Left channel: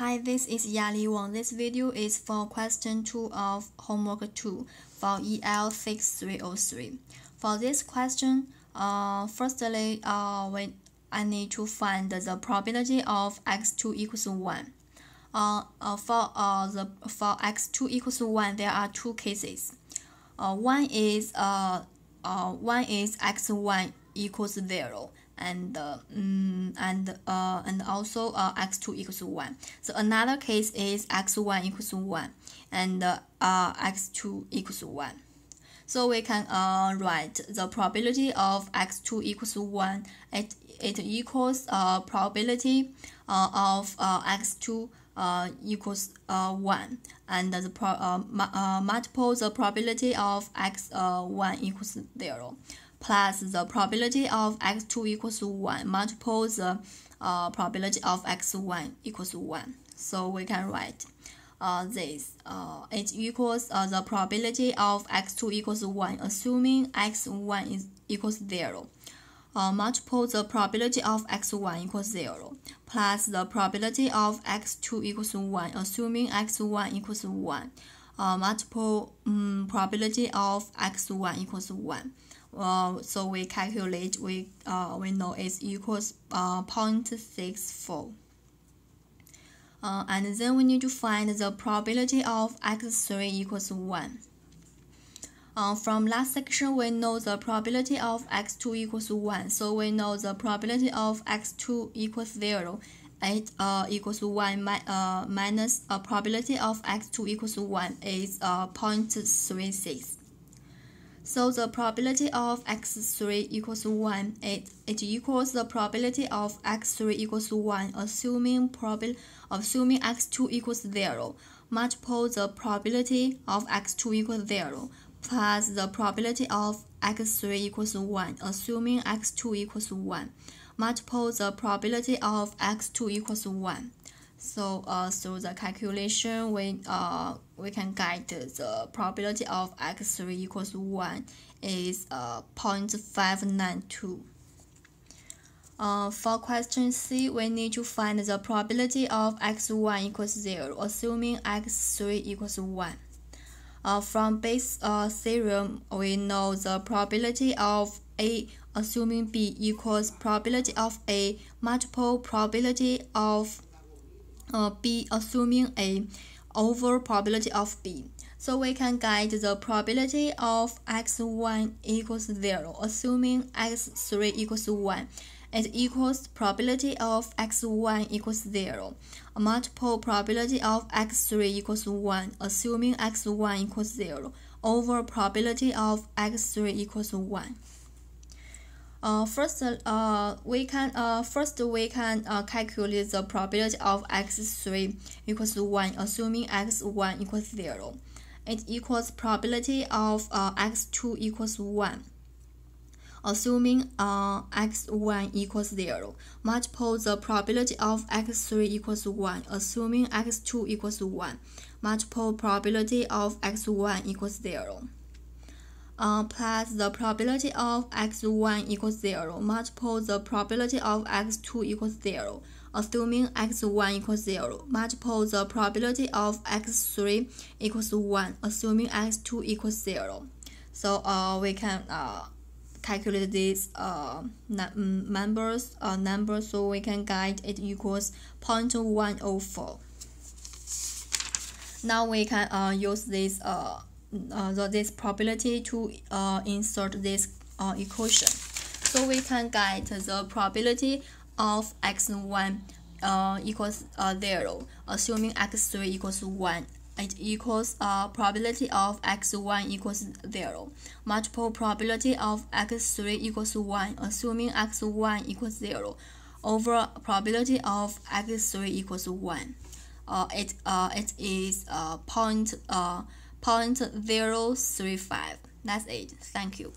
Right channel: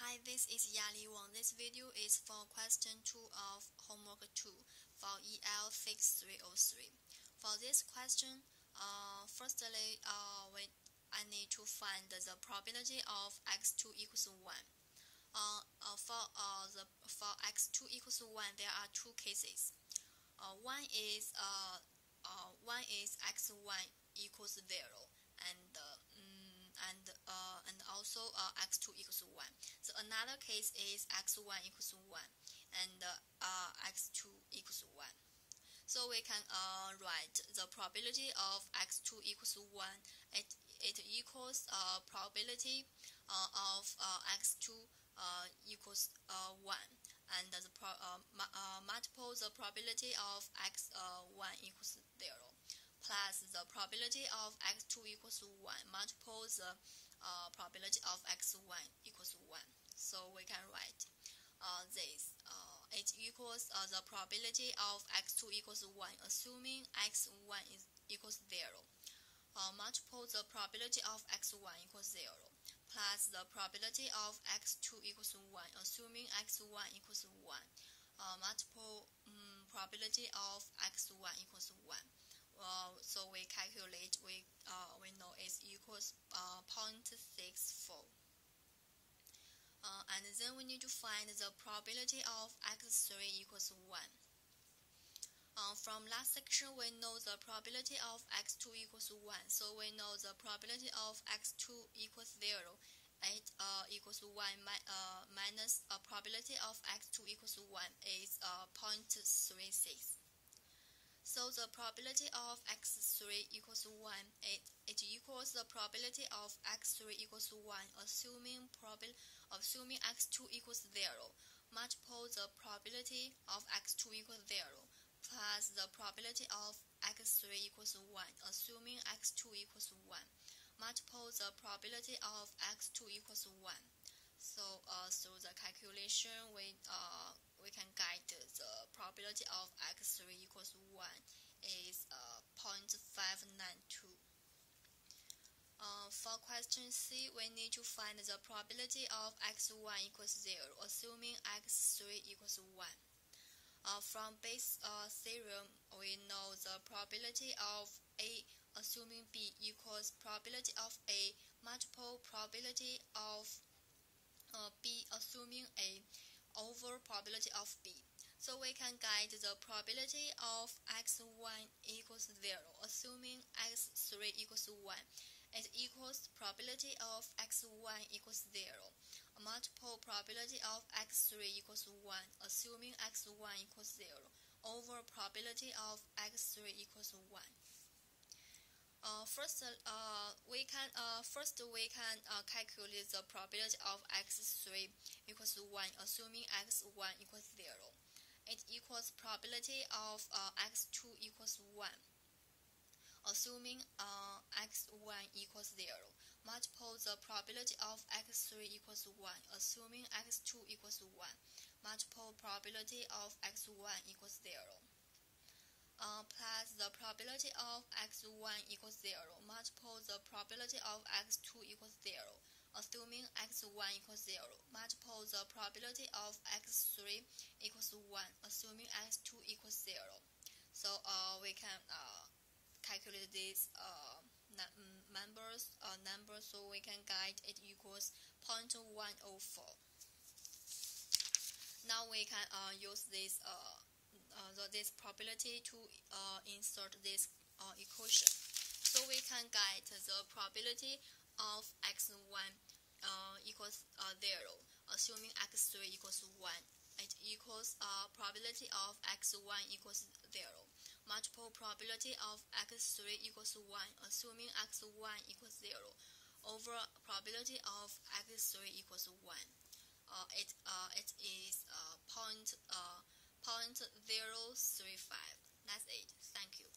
Hi, this is Yali Wang. This video is for question 2 of homework 2 for EL 6303. For this question, firstly, I need to find the probability of x2 equals 1. For x2 equals 1, there are two cases. One is x1 equals 0. And also x2 equals 1. So another case is x1 equals 1 and x2 equals 1. So we can write the probability of x2 equals 1. It equals probability of x2 equals 1, and multiple the probability of x1 equals 0. Plus the probability of x2 equals 1 multiple the probability of x1 equals 1. So we can write this. It equals the probability of x2 equals 1 assuming x1 equals 0. Multiple the probability of x1 equals 0 plus the probability of x2 equals 1 assuming x1 equals 1. Multiple probability of x1 equals 1. So we calculate, we know it equals 0.64. And then we need to find the probability of x3 equals 1. From last section, we know the probability of x2 equals 1. So we know the probability of x2 equals 0. It equals 1 minus probability of x2 equals 1 is 0.36. So the probability of x3 equals 1, it equals the probability of x3 equals 1 assuming x2 equals 0 multiple the probability of x2 equals 0 plus the probability of x3 equals 1 assuming x2 equals 1 multiple the probability of x2 equals 1. So through the calculation, we can get the probability of x3 equals 1 is 0.592. For question C, we need to find the probability of x1 equals 0, assuming x3 equals 1. From Bayes' theorem, we know the probability of A assuming B equals probability of A multiple probability of B assuming A over probability of B. So we can get the probability of x1 equals 0 assuming x3 equals 1. It equals probability of x1 equals 0 multiple probability of x3 equals 1 assuming x1 equals 0 over probability of x3 equals 1. First we can calculate the probability of x3 equals 1 assuming x1 equals 0. It equals probability of x2 equals 1 assuming x1 equals 0 multiple the probability of x3 equals 1 assuming x2 equals 1 multiple probability of x1 equals 0. Plus the probability of x1 equals 0 multiple the probability of x2 equals 0 assuming x1 equals 0 multiple the probability of x3 equals 1 assuming x2 equals 0. So we can calculate these numbers, so we can get it equals 0.104. Now we can use this probability to insert this equation. So we can get the probability of x1 equals 0 assuming x3 equals 1. It equals probability of x1 equals 0 multiple probability of x3 equals 1 assuming x1 equals 0 over probability of x3 equals 1. It is 0.035. That's it. Thank you.